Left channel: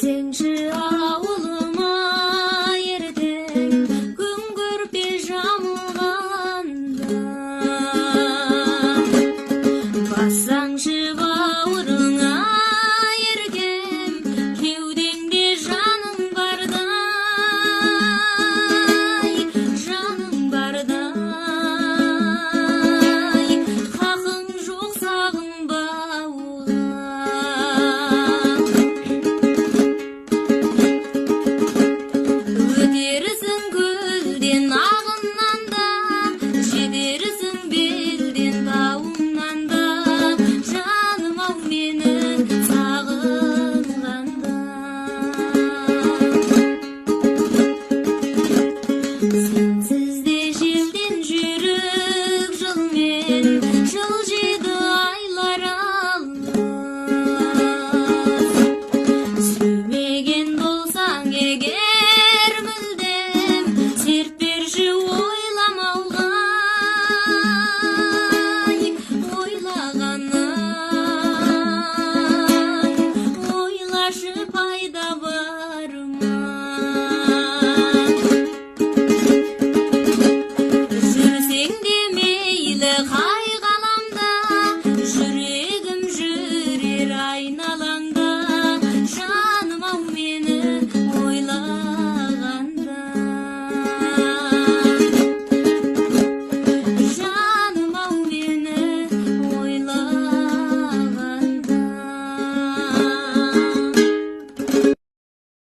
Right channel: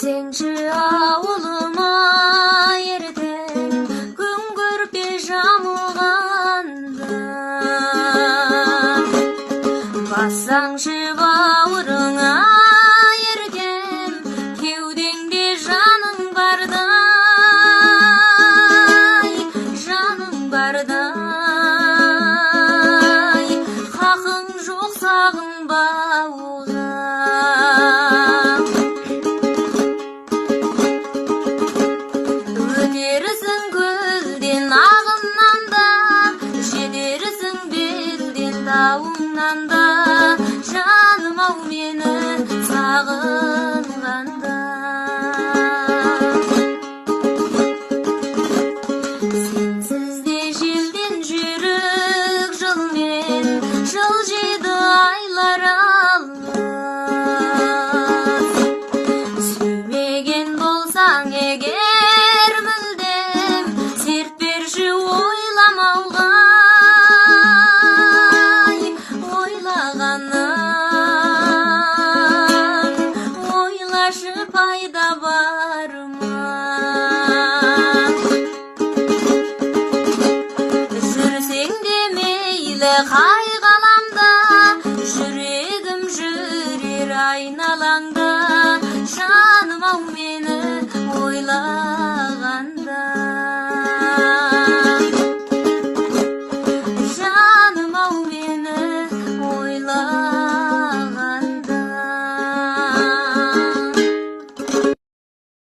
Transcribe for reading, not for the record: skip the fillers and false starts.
Sençi ağılıma yerden gün görpe jamılganda Bassаңшы бауырыңа ерген кеудеңде жаның бардай хақың жоқ сағынбауға өтерсің көлден ағыннан да жетерсің белден тауыңнан да жаным ау мені сағынғанда сенсіз де желден жүрек жылмен жылжиды айлар алыс сүймеген болсаң егер